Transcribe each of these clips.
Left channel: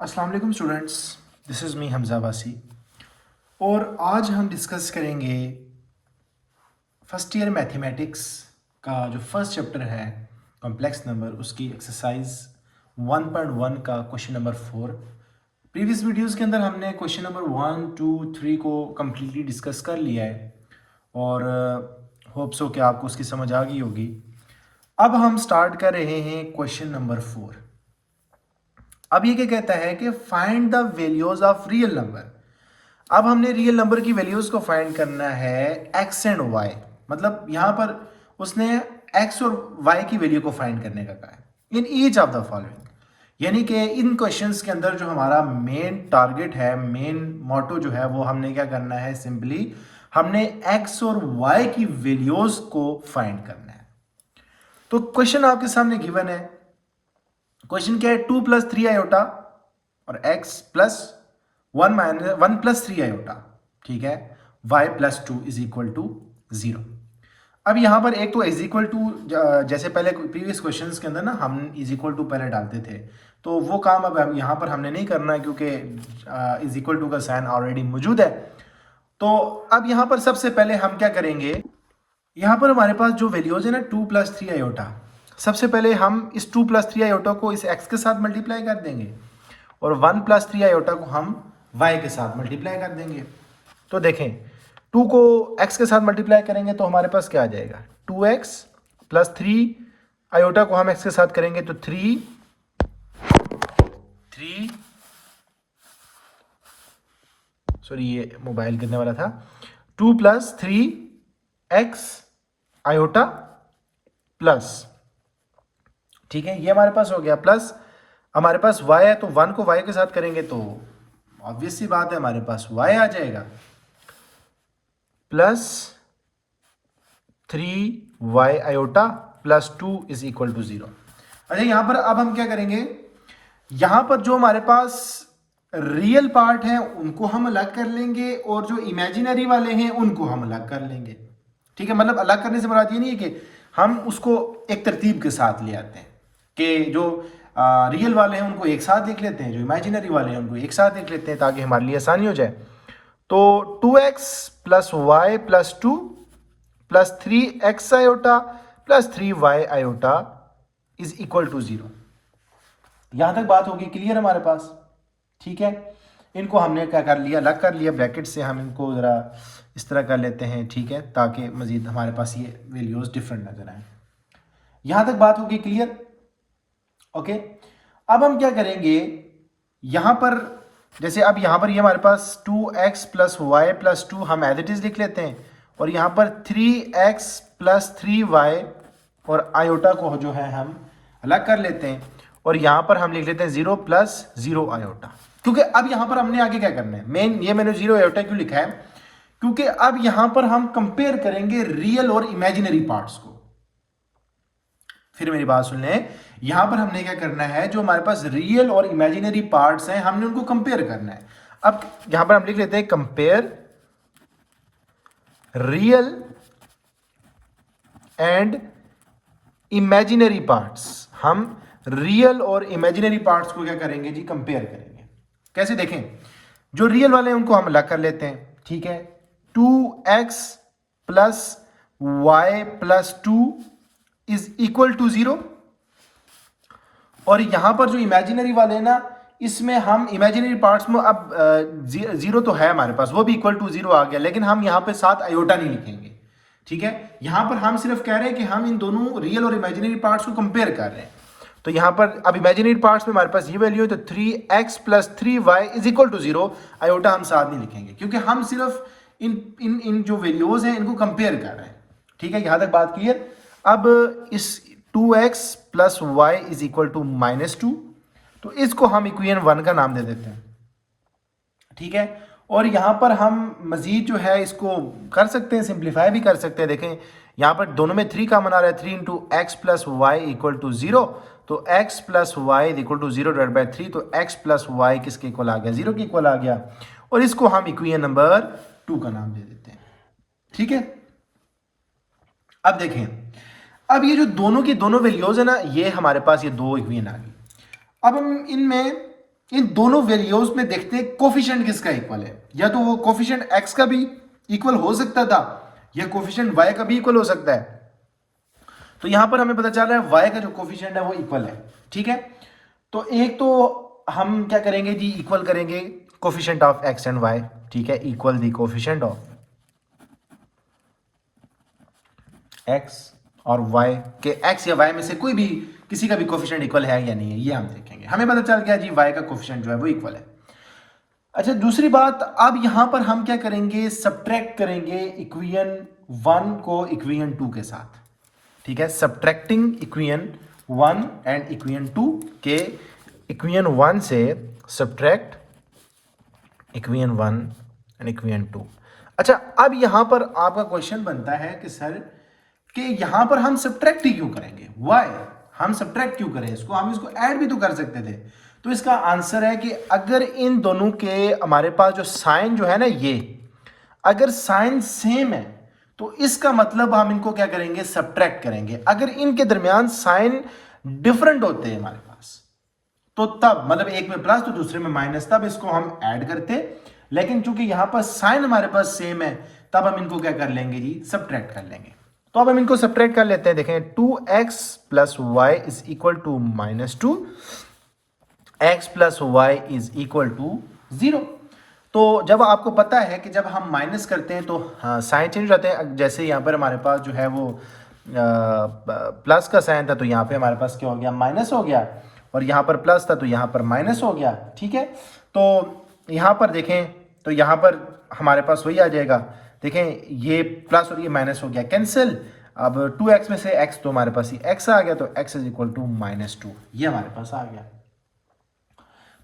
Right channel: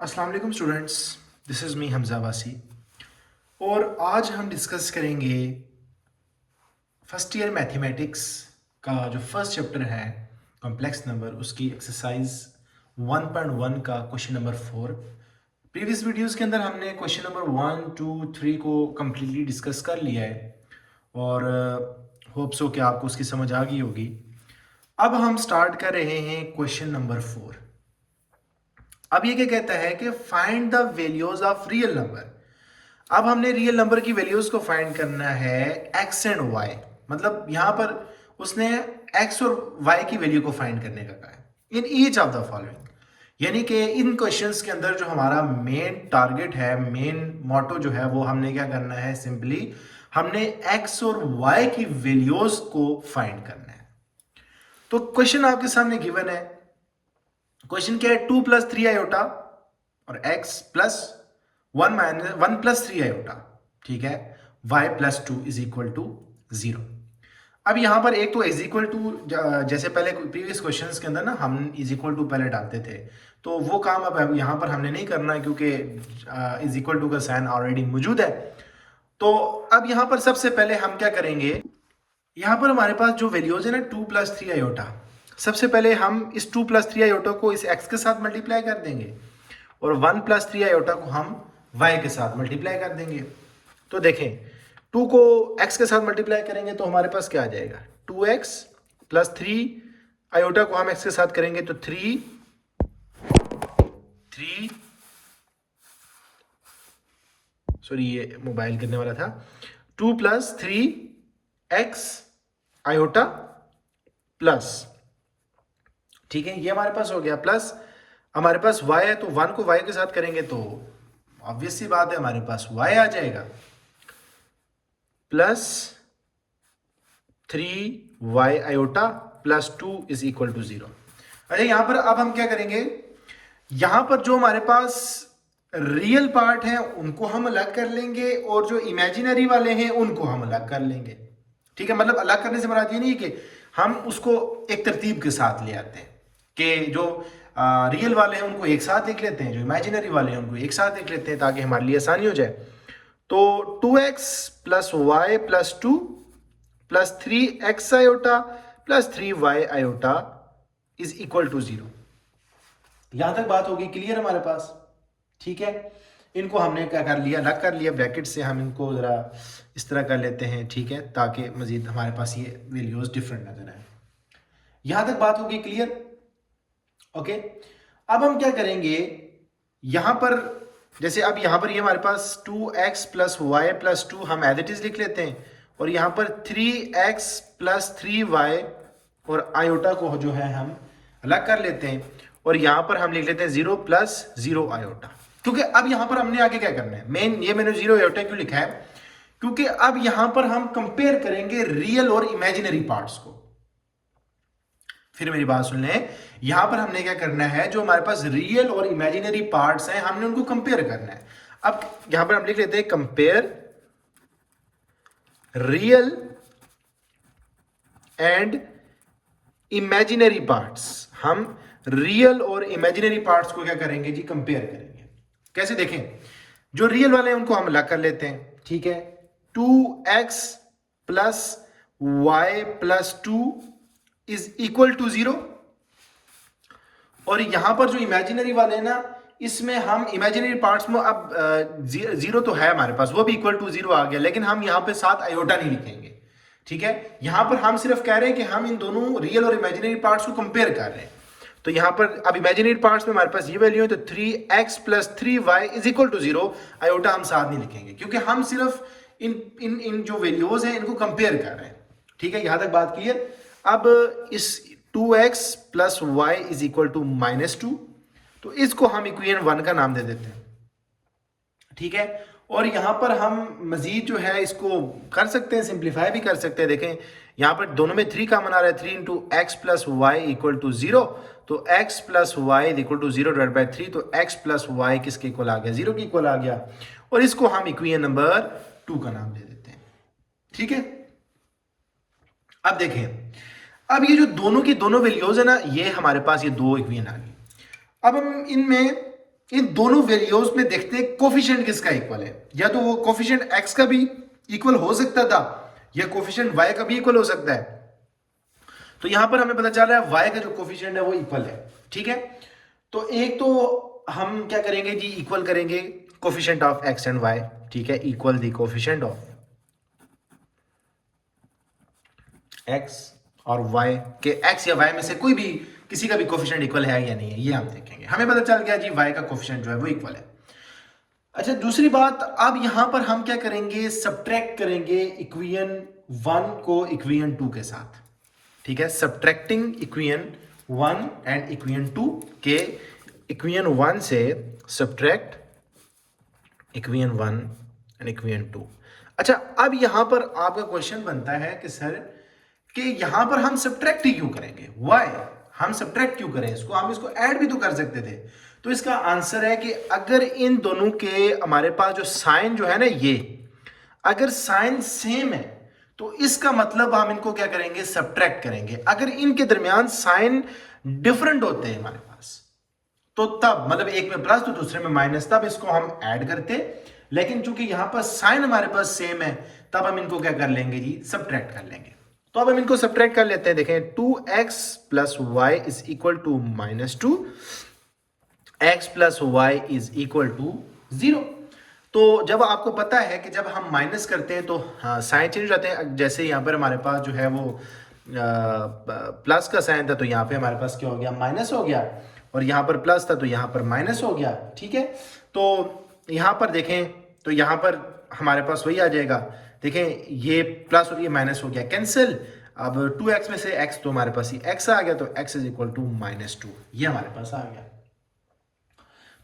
अस्सलाम वालेकुम students, this is me Hamza वासी। और आज हम डिस्कस करेंगे फर्स्ट ईयर मैथमेटिक्स का जो फर्स्ट चैप्टर है कॉम्प्लेक्स नंबर, उसकी एक्सरसाइज 1.1 का क्वेश्चन नंबर 4। प्रीवियस वीडियोस के अंदर हमने क्वेश्चन नंबर 1, 2, 3 को कम्प्लीटली डिस्कस कर लिया है और होप्स हो कि आपको उसकी समझ आ गई होगी। अब हम स्टार्ट कर रहे हैं क्वेश्चन नंबर 4। अब ये क्या कहता है कि find the values of real number. अब हमने रियल नंबर की वैल्यूज को फाइंड करना है एक्स एंड वाई, मतलब यहां पर उसने एक्स और वाई की वैल्यू को फाइंड करने का कहा है in each of the following. यानी कि इन क्वेश्चंस के अंदर जो हमारा मेन टारगेट है, मेन मोटो जो है, वो हमने क्या करना है, सिंपली हमने एक्स और वाई की वैल्यूज को फाइंड करना है। तो क्वेश्चन आपके सामने गिवन है। क्वेश्चन क्या है, 2 + 3 आयोटा और x प्लस 1 - 1 + 3 आयोटा, ठीक है, y + 2 = 0। अब यहां पर एक तो इज इक्वल टू, जैसे पहले प्रीवियस क्वेश्चंस के अंदर ना हम इज इक्वल टू पहले डालते थे, तो वो काम अब यहां पर हमने नहीं करना है क्योंकि इज इक्वल टू का साइन ऑलरेडी मौजूद है। तो अब यहां पर सबसे पहले हम क्या करेंगे, यहाँ पर हमारे पास जो वैल्यूज है ना 2 + 3 आयोटा, सबसे पहले हम इस 2 + 3 आयोटा को इस x के साथ मल्टीप्लाई कर देंगे और 1 + 3 आयोटा को हम y के साथ मल्टीप्लाई कर देंगे। तो देखें, 2 को x के साथ मल्टीप्लाई करेंगे तो हमारे पास क्या आ जाएगा, 2x + 3 आयोटा को हम x के साथ करेंगे तो 3 सॉरी ये मोबाइल गिरने वाला था, 2 + 3x आयोटा प्लस, ठीक है, ये हमारे पास हो गया, प्लस हमारे पास y है तो 1 को y के साथ करेंगे तो ऑब्वियस सी बात है हमारे पास y आ जाएगा, प्लस 3y आयोटा प्लस 2 = 0। अच्छा, यहां पर अब हम क्या करेंगे, यहां पर जो हमारे पास रियल पार्ट है उनको हम अलग कर लेंगे और जो इमेजिनरी वाले हैं उनको हम अलग कर लेंगे। ठीक है, मतलब अलग करने से मुराद ये नहीं है कि हम उसको एक तरतीब के साथ ले आते हैं कि जो रियल वाले हैं उनको एक साथ लिख लेते हैं, जो इमेजिनरी वाले हैं उनको एक साथ लिख लेते हैं ताकि हमारे लिए आसानी हो जाए। तो 2x + y + 2 + 3x iota + 3y iota = 0। यहां तक बात होगी क्लियर हमारे पास, ठीक है। इनको हमने क्या कर लिया, अलग कर लिया, ब्रैकेट से हम इनको ज़रा इस तरह कर लेते हैं, ठीक है, ताकि मजीद हमारे पास ये वैल्यूज डिफरेंट नजर आए। यहां तक बात होगी क्लियर, ओके। अब हम क्या करेंगे, यहां पर जैसे अब यहां पर ये हमारे पास 2x + y + 2 हम एज इट इज लिख लेते हैं और यहां पर 3x + 3y और आयोटा को जो है हम अलग कर लेते हैं और यहां पर हम लिख लेते हैं 0 + 0 आयोटा। क्योंकि अब यहां पर हमने आगे क्या करना है, मेन ये मैंने 0 आयोटा क्यों लिखा है, क्योंकि अब यहां पर हम कंपेयर करेंगे रियल और इमेजिनरी पार्ट्स को। फिर मेरी बात सुन लें, यहां पर हमने क्या करना है, जो हमारे पास रियल और इमेजिनरी पार्ट्स हैं हमने उनको कंपेयर करना है। अब यहां पर हम लिख लेते हैं compare real and imaginary parts. हम रियल और इमेजिनरी पार्ट्स को क्या करेंगे जी, कंपेयर करेंगे। कैसे, देखें, जो रियल वाले हैं उनको हम अलग कर लेते हैं, ठीक है, 2x + y + 2 = 0 और यहां पर जो इमेजिनरी वाले हैं ना, इसमें हम इमेजिनरी पार्ट्स में अब 0 तो है हमारे पास, वो भी = 0 आ गया, लेकिन हम यहां पे साथ आयोटा नहीं लिखेंगे, ठीक है। यहां पर हम सिर्फ कह रहे हैं कि हम इन दोनों रियल और इमेजिनरी पार्ट्स को कंपेयर कर रहे हैं। तो यहां पर अब इमेजिनरी पार्ट्स में हमारे पास ये वैल्यू है, तो 3x + 3y = 0, आयोटा हम साथ नहीं लिखेंगे क्योंकि हम सिर्फ इन जो वैल्यूज हैं इनको कंपेयर कर रहे हैं, ठीक है। यहां तक बात क्लियर। अब इस 2x + y = -2, तो इसको हम इक्वेशन 1 का नाम दे देते हैं, ठीक है। और यहां पर हम मजीद जो है इसको कर सकते हैं, सिंप्लीफाई भी कर सकते हैं। देखें, यहां पर दोनों में 3 कॉमन आ रहा है, 3 × x + y = 0, तो x + y = 0/3, तो x + y किसके इक्वल आ गया, 0 के इक्वल आ गया, और इसको हम इक्वेशन नंबर 2 का नाम दे देते हैं, ठीक है। अब देखें, अब ये जो दोनों की दोनों वैल्यूज है ना, ये हमारे पास ये दो इक्वेशन आ गई। अब हम इनमें इन दोनों वैल्यूज में देखते हैं कोफिशिएंट किसका इक्वल है। या तो वो कोफिशिएंट एक्स का भी इक्वल हो सकता था या कोफिशिएंट वाई का भी इक्वल हो सकता है। तो यहां पर हमें पता चल रहा है वाई का जो कोफिशिएंट है वो इक्वल है। ठीक है, तो एक तो हम क्या करेंगे जी, इक्वल करेंगे coefficient of x and y. ठीक है, equal the coefficient of x और वाई के, एक्स या वाई में से कोई भी किसी का भी कोफिशिएंट इक्वल है या नहीं है, ये हम देखेंगे। हमें पता चल गया जी वाई का कोफिशिएंट जो है वो इक्वल है। अच्छा, दूसरी बात, अब यहां पर हम क्या करेंगे, सब्ट्रैक्ट करेंगे इक्वेशन 1 को इक्वेशन 2 के साथ। ठीक है, सब्ट्रैक्टिंग इक्वेशन 1 एंड इक्वेशन 2 के, इक्वेशन 1 से सब्ट्रैक्ट इक्वेशन 1 एंड इक्वेशन 2। अच्छा, अब यहां पर आपका क्वेश्चन बनता है कि सर कि यहां पर हम सब्ट्रैक्ट ही क्यों करेंगे, वाई हम सब्ट्रैक्ट क्यों करें इसको, हम इसको ऐड भी तो कर सकते थे। तो इसका आंसर है कि अगर इन दोनों के हमारे पास जो साइन जो है ना, ये अगर साइन सेम है तो इसका मतलब हम इनको क्या करेंगे, सब्ट्रैक्ट करेंगे। अगर इनके दरमियान साइन डिफरेंट होते हैं हमारे पास, तो तब मतलब एक में प्लस तो दूसरे में माइनस, तब इसको हम ऐड करते। लेकिन चूंकि यहां पर साइन हमारे पास सेम है, तब हम इनको क्या कर लेंगे जी, सब्ट्रैक्ट कर लेंगे। तो अब हम इनको सब्ट्रैक्ट कर लेते हैं। देखें, 2x plus y is equal to -2, x plus y is equal to 0। तो जब आपको पता है कि जब हम माइनस करते हैं तो हाँ साइन चेंज हो जाते हैं। जैसे यहाँ पर हमारे पास जो है वो प्लस का साइन था, तो यहाँ पे हमारे पास क्या हो गया, माइनस हो गया। और यहाँ पर प्लस था तो यहाँ पर माइनस हो गया। ठीक है, तो यहाँ पर देखें तो यहाँ पर हमारे पास वही आ जाएगा। देखें, ये प्लस और ये माइनस हो गया कैंसिल। अब 2x में से x तो हमारे पास ही x आ गया, तो x इज इक्वल टू -2, ये हमारे पास आ गया।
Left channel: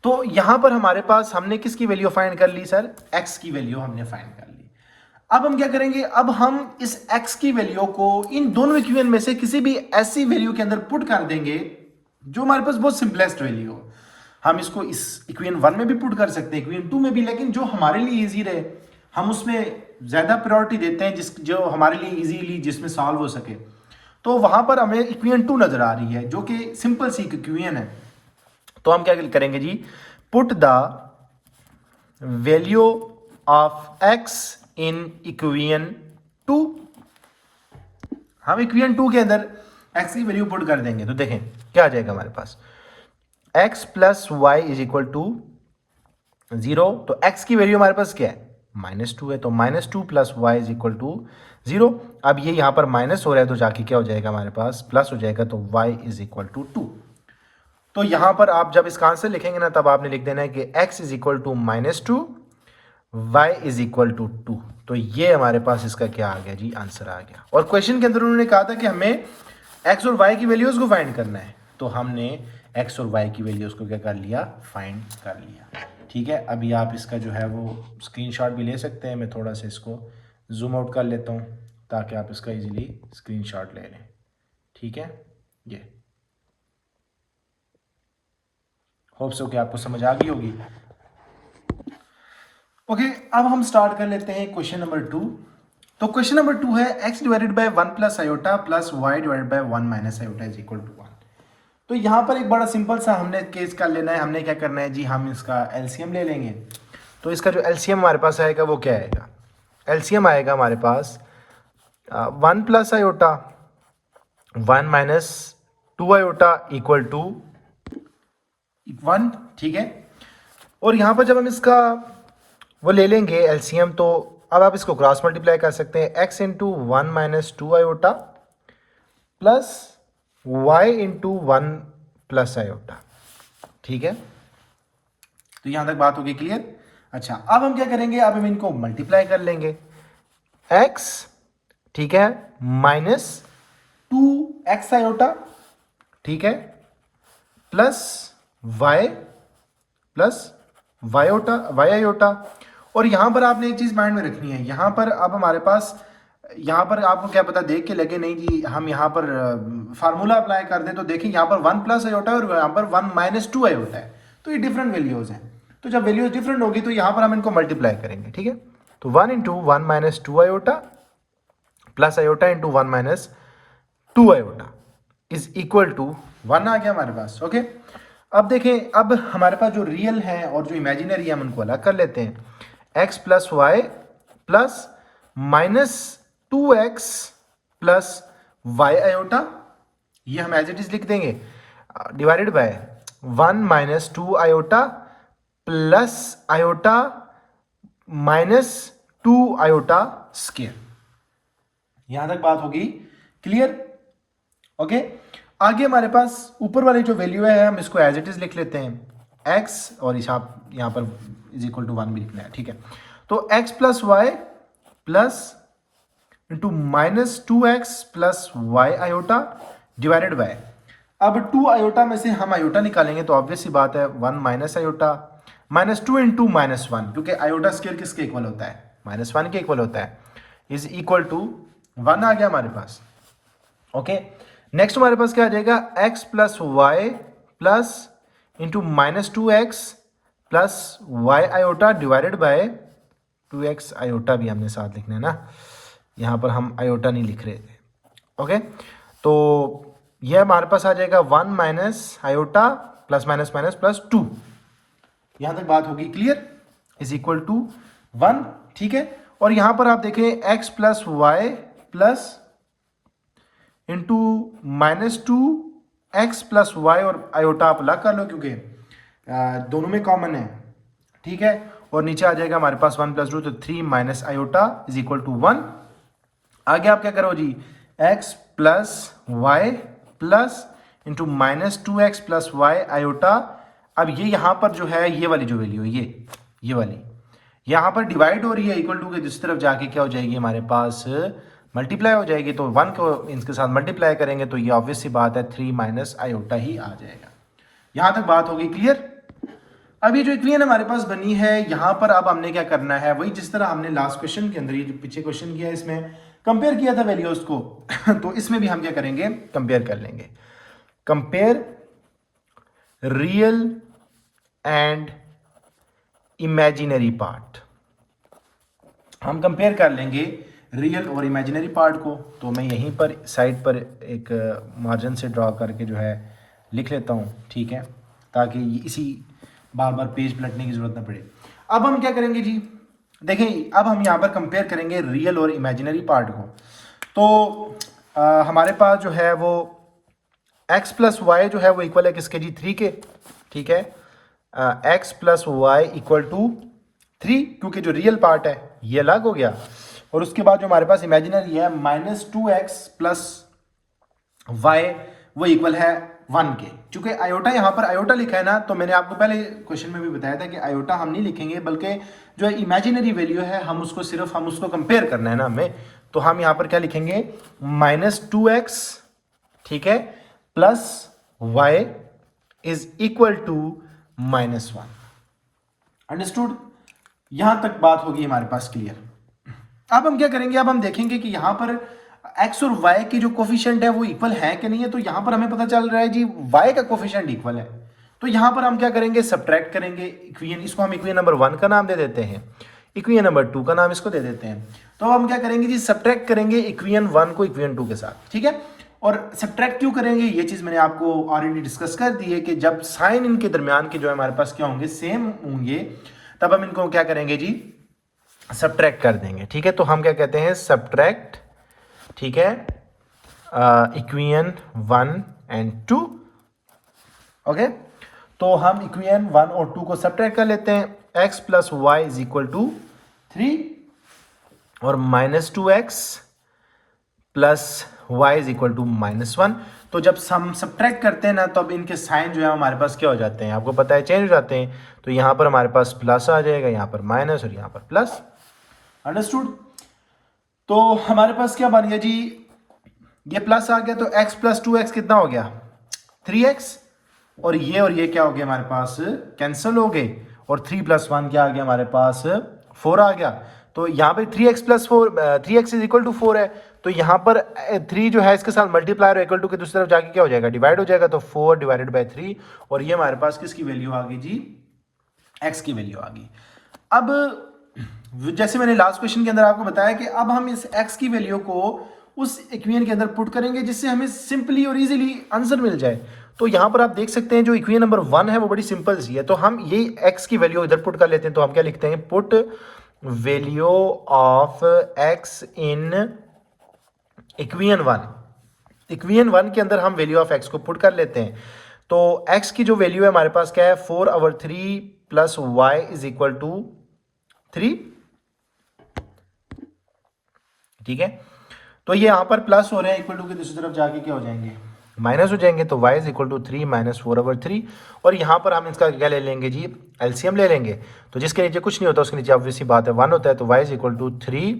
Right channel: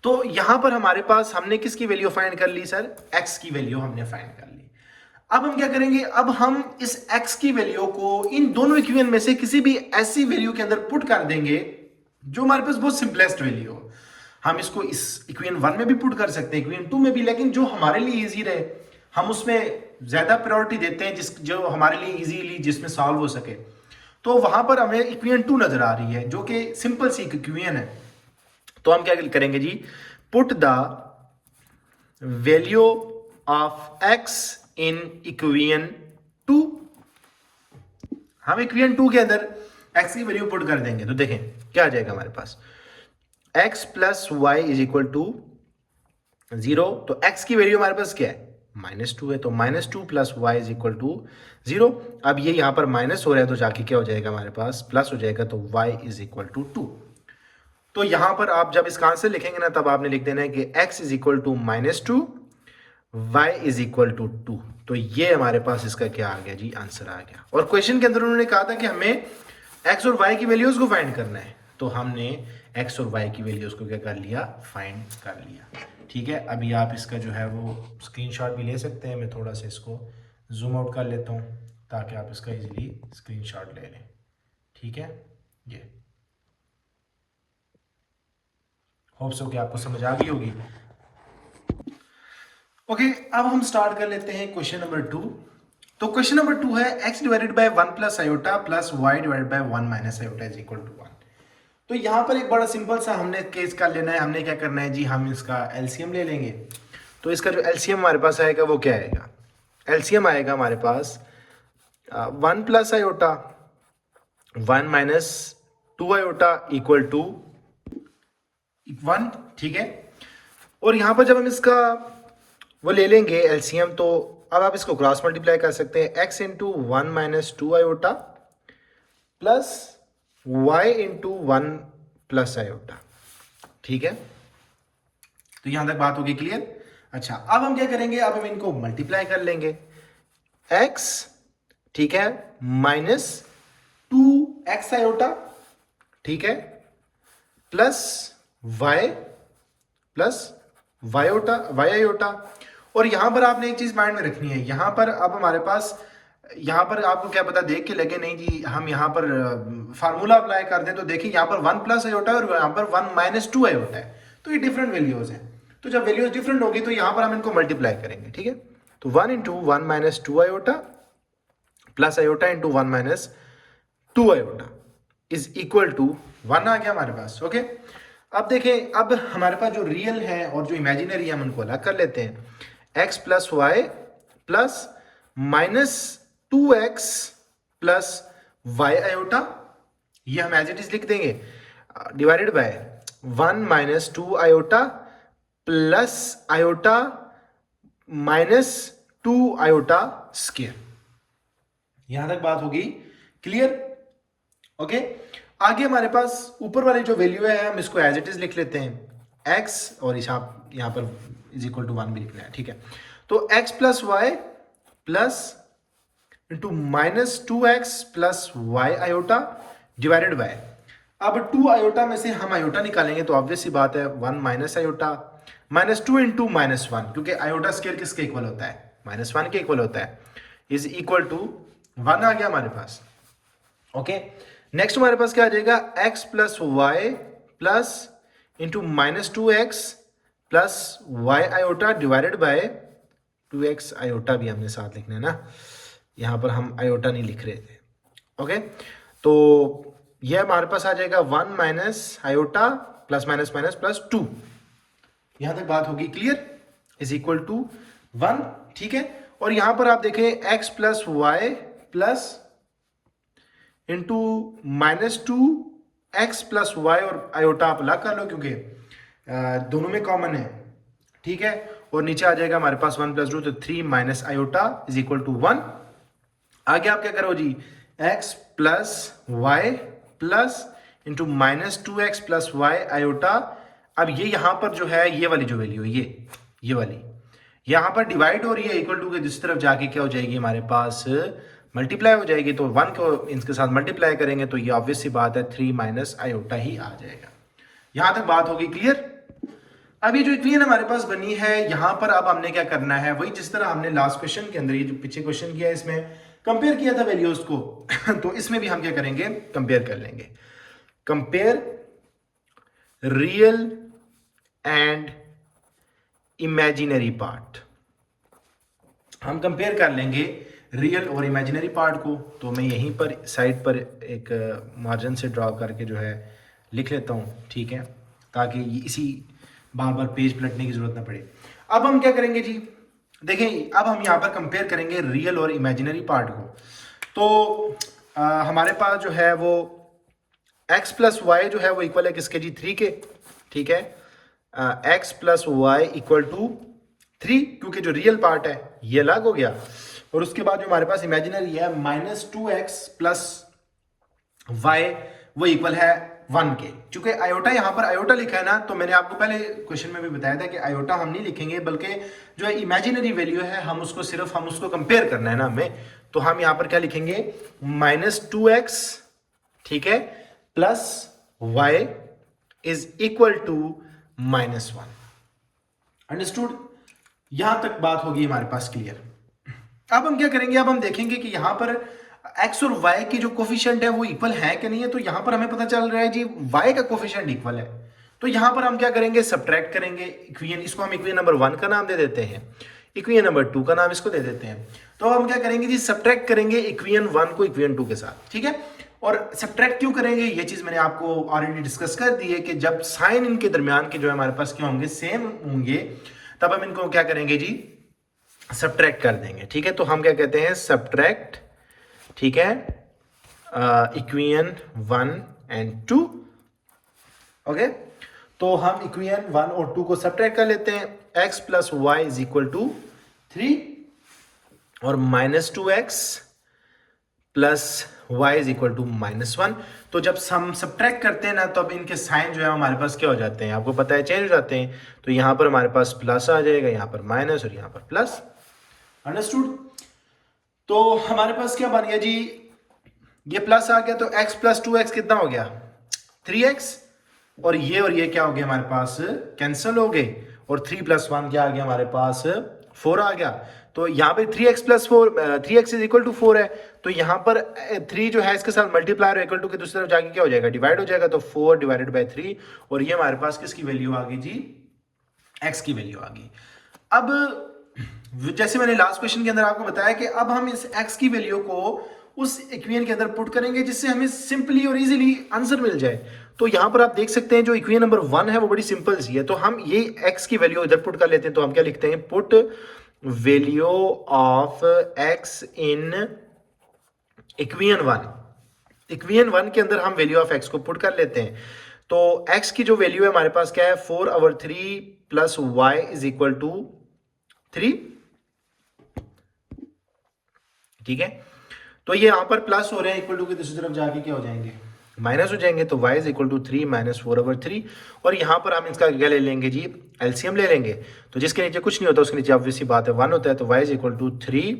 तो यहां पर हमारे पास हमने किसकी वैल्यू फाइंड कर ली सर, x की वैल्यू हमने फाइंड कर ली। अब हम क्या करेंगे, अब हम इस x की वैल्यू को इन दोनों इक्वेशन में से किसी भी ऐसी वैल्यू के अंदर पुट कर देंगे जो हमारे पास बहुत सिंपलेस्ट वैल्यू हो। हम इसको इस इक्वेशन 1 में भी पुट कर सकते हैं, इक्वेशन 2 में भी, लेकिन जो हमारे लिए इजी रहे हम उसमें ज्यादा प्रायोरिटी देते हैं, जो हमारे लिए इजीली जिसमें सॉल्व हो सके। तो वहां पर हमें इक्वेशन 2 नजर आ रही है जो कि सिंपल सी इक्वेशन है। तो हम क्या करेंगे जी, put the value of x in equation 2। हम इक्वेशन 2 के अंदर x की वैल्यू पुट कर देंगे, तो देखें क्या आ जाएगा हमारे पास, x plus y is equal to 0। तो x की वैल्यू हमारे पास क्या है, -2 है, तो -2 plus y is equal to 0। अब ये यहां पर माइनस हो रहा है तो जाके क्या हो जाएगा हमारे पास, प्लस हो जाएगा, तो y इज इक्वल टू 2। तो यहां पर आप जब इसका आंसर लिखेंगे ना, तब आपने लिख देना है कि x is equal to -2, y is equal to 2। तो ये हमारे पास इसका क्या आ गया जी, आंसर आ गया। और क्वेश्चन के अंदर उन्होंने कहा था कि हमें x और y की वैल्यूज को फाइंड करना है, तो हमने x और y की वैल्यूज को क्या कर लिया, फाइंड कर लिया। ठीक है, अभी आप इसका जो है वो स्क्रीनशॉट भी ले सकते हैं। मैं थोड़ा सा इसको जूम आउट कर लेता हूँ ताकि आप इसका इजीली स्क्रीनशॉट ले लें। ठीक है, ये होप सो कि आपको समझ आ गई होगी। ओके, अब हम स्टार्ट कर लेते हैं क्वेश्चन नंबर 2। तो क्वेश्चन नंबर 2 है x divided by 1 plus iota plus y divided by 1 minus iota is equal to 1। तो यहाँ पर एक बड़ा सिंपल सा हमने केस कर लेना है। हमने क्या करना है जी, हम इसका एलसीएम ले लेंगे। तो इसका जो एलसीएम हमारे पास आएगा वो क्या आएगा, एलसीएम आएगा हमारे पास 1 plus iota 1 minus 2 iota equal to 1। ठीक है, और यहाँ पर जब हम इसका वो ले लेंगे एलसीएम, तो अब आप इसको क्रॉस मल्टीप्लाई कर सकते हैं, x into 1 minus 2 iota plus y into 1 plus iota. ठीक है, तो यहां तक बात होगी क्लियर। अच्छा, अब हम क्या करेंगे, अब हम इनको मल्टीप्लाई कर लेंगे, x ठीक है माइनस 2x आयोटा, ठीक है, प्लस y आयोटा। और यहां पर आपने एक चीज माइंड में रखनी है, यहां पर अब हमारे पास, यहां पर आपको क्या पता देख के लगे नहीं जी हम यहां पर फार्मूला अप्लाई कर दें, तो देखिए यहां पर 1 प्लस आयोटा और यहां पर 1 माइनस 2 आयोटा है, तो ये डिफरेंट वैल्यूज हैं। तो जब वैल्यूज डिफरेंट होगी तो यहां पर हम इनको मल्टीप्लाई करेंगे। ठीक है, तो 1 into 1 minus 2 iota plus iota into 1 minus 2 iota is equal to 1 आ गया हमारे पास। ओके, अब देखें, अब हमारे पास जो रियल है और जो इमेजिनरी है हम उनको अलग कर लेते हैं। x plus y plus minus 2x plus y iota, ये हम एज इट इज लिख देंगे, divided by 1 minus 2 iota plus iota minus 2 iota square. यहां तक बात होगी क्लियर? ओके, आगे हमारे पास ऊपर वाली जो वैल्यू है हम इसको एज इट इज लिख लेते हैं, x, और यहां पर इज इक्वल टू 1 भी लिखना है, ठीक है। तो x plus y plus into minus 2x plus y iota divided by, अब 2 आयोटा में से हम आयोटा निकालेंगे तो ऑब्वियस सी बात है 1 minus iota minus 2 into minus 1, क्योंकि आयोटा स्केल किसके इक्वल होता है? -1 के इक्वल होता है, इज इक्वल टू 1 आ गया हमारे पास। ओके, नेक्स्ट हमारे पास क्या आ जाएगा? x plus y plus into minus 2x plus y iota divided by 2x iota भी हमने साथ लिखना है ना, यहां पर हम आयोटा नहीं लिख रहे थे। ओके, तो यह हमारे पास आ जाएगा 1 minus iota plus minus minus plus 2, यहां तक बात होगी क्लियर, इज इक्वल टू 1, ठीक है। और यहां पर आप देखें x plus y plus into minus 2x plus y, और आयोटा आप अलग कर लो क्योंकि दोनों में कॉमन है, ठीक है। और नीचे आ जाएगा हमारे पास 1 प्लस 2, तो 3 minus iota is equal to 1। आगे आप क्या करो जी, x plus y plus into minus 2x plus y iota, अब ये यहां पर जो है ये वाली जो वैल्यू है ये वाली यहां पर डिवाइड हो रही है इक्वल टू के दूसरी तरफ जाके क्या हो जाएगी हमारे पास, मल्टीप्लाई हो जाएगी। तो 1 को इनके साथ मल्टीप्लाई करेंगे तो ये ऑब्वियस सी बात है 3 माइनस आयोटा ही आ जाएगा। यहां तक बात होगी क्लियर? अब ये जो इक्वेशन हमारे पास बनी है, यहां पर अब हमने क्या करना है, वही जिस तरह हमने लास्ट क्वेश्चन के अंदर, ये जो पीछे क्वेश्चन किया है इसमें कंपेयर किया था वैल्यूज को तो इसमें भी हम क्या करेंगे, कंपेयर कर लेंगे। Compare real and imaginary part, हम कंपेयर कर लेंगे रियल और इमेजिनरी पार्ट को। तो मैं यहीं पर साइड पर एक मार्जिन से ड्रॉ करके जो है लिख लेता हूँ, ठीक है, ताकि इसी बार बार पेज पलटने की जरूरत ना पड़े। अब हम क्या करेंगे जी, देखें, अब हम यहाँ पर कंपेयर करेंगे रियल और इमेजिनरी पार्ट को। तो हमारे पास जो है वो x प्लस वाई जो है वो इक्वल है किसके जी, 3 के, ठीक है। x plus y equal to 3, क्योंकि जो रियल पार्ट है ये अलग हो गया। और उसके बाद जो हमारे पास इमेजिनरी है माइनस 2x प्लस वाई, वो इक्वल है 1 के। चूंकि आयोटा यहाँ पर आयोटा लिखा है ना, तो मैंने आपको पहले क्वेश्चन में भी बताया था कि आयोटा हम नहीं लिखेंगे, बल्कि जो इमेजिनरी वैल्यू है हम उसको कंपेयर करना है ना हमें। तो हम यहाँ पर क्या लिखेंगे, माइनस 2x, ठीक है, plus y is equal to -1। Understood? यहां तक बात होगी हमारे पास क्लियर। अब हम क्या करेंगे, अब हम देखेंगे कि यहां पर x और y की जो कोफिशिएंट है वो इक्वल है कि नहीं है। तो यहां पर हमें पता चल रहा है जी y का कोफिशिएंट इक्वल है। तो यहां पर हम क्या करेंगे, सब्ट्रैक्ट करेंगे इक्वेशन, इसको हम इक्वेशन नंबर 1 का नाम दे देते हैं, इक्वेशन नंबर 2 का नाम इसको दे देते हैं। तो हम क्या करेंगे जी, सब्ट्रैक्ट करेंगे इक्वेशन 1 को इक्वेशन 2 के साथ, ठीक है। और सब्ट्रैक्ट क्यों करेंगे, ये चीज मैंने आपको ऑलरेडी डिस्कस कर दी है कि जब साइन इनके दरमियान के जो है हमारे पास क्या होंगे, सेम होंगे, तब हम इनको क्या करेंगे जी, सब्ट्रैक्ट कर देंगे, ठीक है। तो हम क्या कहते हैं, सब्ट्रैक्ट, ठीक है, इक्वेशन 1 एंड 2। ओके, तो हम इक्वेशन 1 और 2 को सब्ट्रैक्ट कर लेते हैं। x plus y is equal to 3 और minus 2x plus y is equal to -1। तो जब हम सब्ट्रैक्ट करते हैं ना, तो अब इनके साइन जो है हमारे पास क्या हो जाते हैं, आपको पता है, चेंज हो जाते हैं। तो यहाँ पर हमारे पास प्लस आ जाएगा, यहाँ पर माइनस और यहाँ पर प्लस। अंडरस्टूड? तो हमारे पास क्या बन गया जी, ये प्लस आ गया, तो x प्लस 2x कितना हो गया, 3x, और ये क्या हो गया हमारे पास, कैंसिल हो गए, और 3 प्लस 1 क्या आ गया हमारे पास, 4 आ गया। तो यहाँ पे 3x plus 4, 3x is equal to 4 है। तो यहाँ पर 3 जो है इसके साथ मल्टीप्लाई और इक्वल टू की दूसरी तरफ जाके क्या हो जाएगा, डिवाइड हो जाएगा। तो 4 डिवाइडेड बाय 3, और ये हमारे पास किसकी वैल्यू आ गई जी, x की वैल्यू आ गई। अब जैसे मैंने लास्ट क्वेश्चन के अंदर आपको बताया कि अब हम इस x की वैल्यू को उस इक्वेशन के अंदर पुट करेंगे, जिससे हमें सिंपली और इजीली आंसर मिल जाए। तो यहाँ पर आप देख सकते हैं जो इक्वेशन नंबर 1 है वो बड़ी सिंपल सी है। तो हम ये x की वैल्यू इधर पुट कर लेते हैं। तो हम क्या लिखते हैं, put value of x in equation 1। Equation 1 के अंदर हम वैल्यू ऑफ x को पुट कर लेते हैं। तो x की जो वैल्यू है हमारे पास क्या है, 4/3 plus y is equal to 3। ठीक है, तो ये यहां पर प्लस हो रहे हैं, इक्वल टू के दूसरी तरफ जाके क्या हो जाएंगे, माइनस हो जाएंगे। तो y is equal to 3 minus 4/3। और यहाँ पर हम इसका क्या ले लेंगे जी, एलसीएम ले लेंगे। तो जिसके नीचे कुछ नहीं होता उसके नीचे ऑब्वियस सी बात है 1 होता है। तो y इज इक्वल टू 3,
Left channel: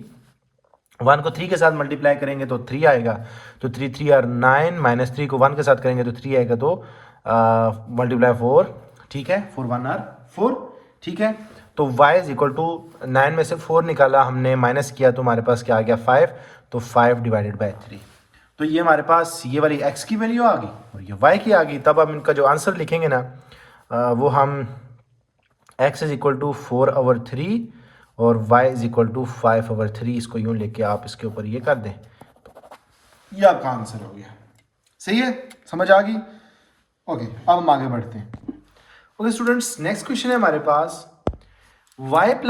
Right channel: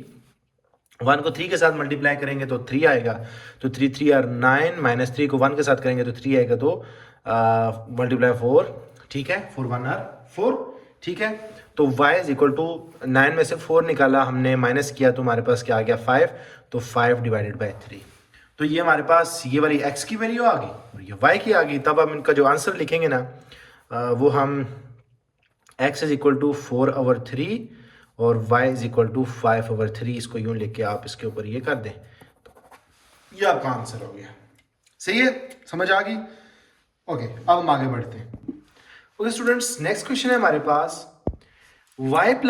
1 को 3 के साथ मल्टीप्लाई करेंगे तो 3 आएगा। तो 3 3 आर 9, माइनस 3 को 1 के साथ करेंगे तो 3 आएगा। तो मल्टीप्लाई 4, ठीक है, 4 1 आर 4, ठीक है। तो y इज इक्वल टू 9 में से 4 निकाला हमने, माइनस किया तो हमारे पास क्या आ गया 5। तो 5 डिवाइडेड बाई 3। तो ये हमारे पास ये वाली x की वैल्यू आ गई और ये y की आ गई। तब हम इनका जो आंसर लिखेंगे ना वो हम x इज इक्वल टू 4/3 और y इज इक्वल टू 5/3, इसको यूं लेके आप इसके ऊपर ये कर दें तो ये आपका आंसर हो गया। सही है, समझ आ गई। ओके, अब हम आगे बढ़ते हैं। ओके स्टूडेंट्स, नेक्स्ट क्वेश्चन है हमारे पास x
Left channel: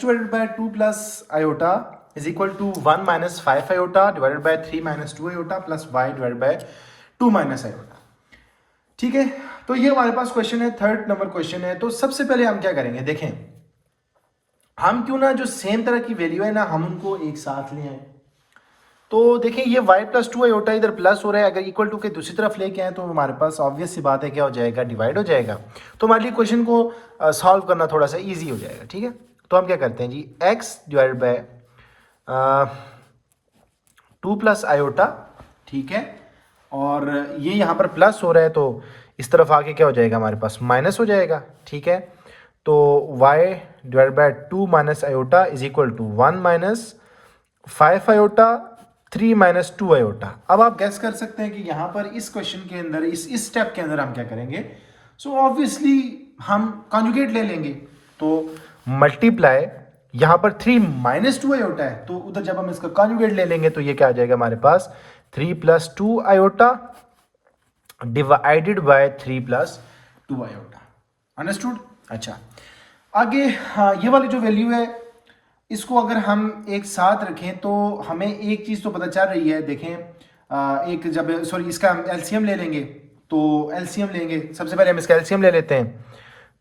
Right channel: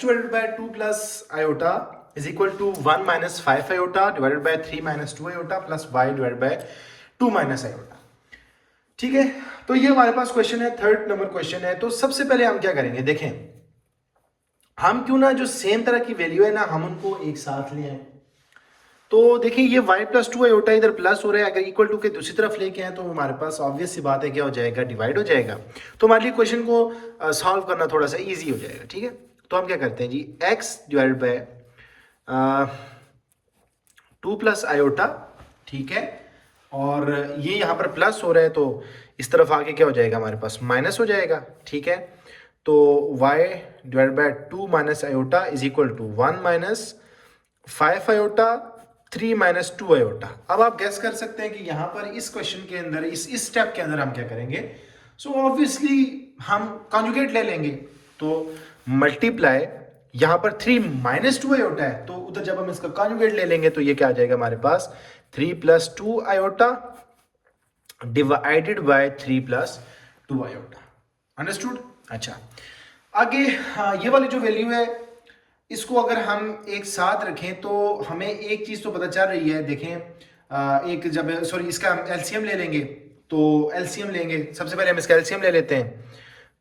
divided by 2 plus iota is equal to 1 minus 5 iota divided by 3 minus 2 iota plus y divided by 2 minus iota. ठीक है, तो ये हमारे पास क्वेश्चन है, 3rd नंबर क्वेश्चन है। तो सबसे पहले हम क्या करेंगे, देखें हम क्यों ना जो सेम तरह की वैल्यू है ना हम उनको एक साथ ले आए। तो देखिए ये y प्लस 2 आयोटा इधर प्लस हो रहा है, अगर इक्वल टू के दूसरी तरफ लेके आए तो हमारे पास ऑब्वियस सी बात है क्या हो जाएगा, डिवाइड हो जाएगा। तो हमारे लिए क्वेश्चन को सॉल्व करना थोड़ा सा इजी हो जाएगा। ठीक है, तो हम क्या करते हैं जी, x divided by 2 plus iota, ठीक है, और ये यहाँ पर प्लस हो रहा है तो इस तरफ आके क्या हो जाएगा, हमारे पास माइनस हो जाएगा। ठीक है, तो y divide by 2 minus iota is equal to 1 minus 5 iota 3 minus 2 iota. अब आप गैस कर सकते हैं कि यहाँ पर इस क्वेश्चन के अंदर इस स्टेप के अंदर हम क्या करेंगे। सो ऑब्वियसली हम कॉन्जुगेट ले लेंगे। तो मल्टीप्लाई यहाँ पर 3 माइनस 2 आयोटा है तो उधर जब हम इसका कॉन्जुगेट ले लेंगे तो ये क्या आ जाएगा हमारे पास 3 plus 2 iota divided by 3 plus 2 iota. Understood. अच्छा, आगे हाँ, ये वाली जो वैल्यू है इसको अगर हम एक साथ रखें तो हमें एक चीज तो पता चल रही है। देखें एक जब इसका हम एलसीएम ले लेंगे तो एलसीएम लेंगे, सबसे पहले हम इसका एलसीएम ले लेते हैं।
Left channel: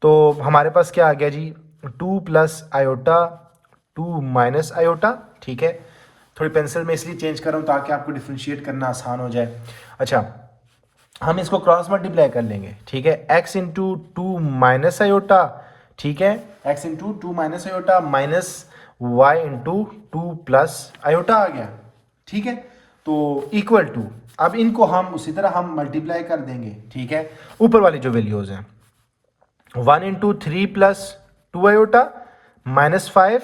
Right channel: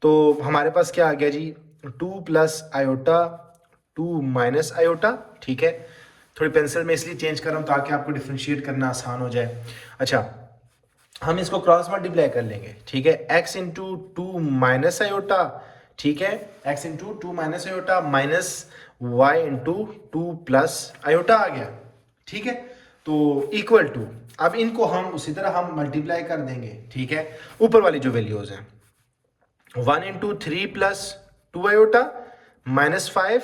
तो हमारे पास क्या आ गया जी, 2 प्लस आयोटा 2 माइनस आयोटा। ठीक है, थोड़ी पेंसिल में इसलिए चेंज कर रहा हूँ ताकि आपको डिफ्रेंशिएट करना आसान हो जाए। अच्छा, हम इसको क्रॉस मल्टीप्लाई कर लेंगे। ठीक है, x इंटू 2 माइनस आयोटा, ठीक है, x into 2 minus iota minus y into 2 plus iota आ गया। ठीक है, तो इक्वल टू, अब इनको हम उसी तरह हम मल्टीप्लाई कर देंगे। ठीक है, ऊपर वाली जो वैल्यूज हैं 1 into 3 plus 2 iota minus 5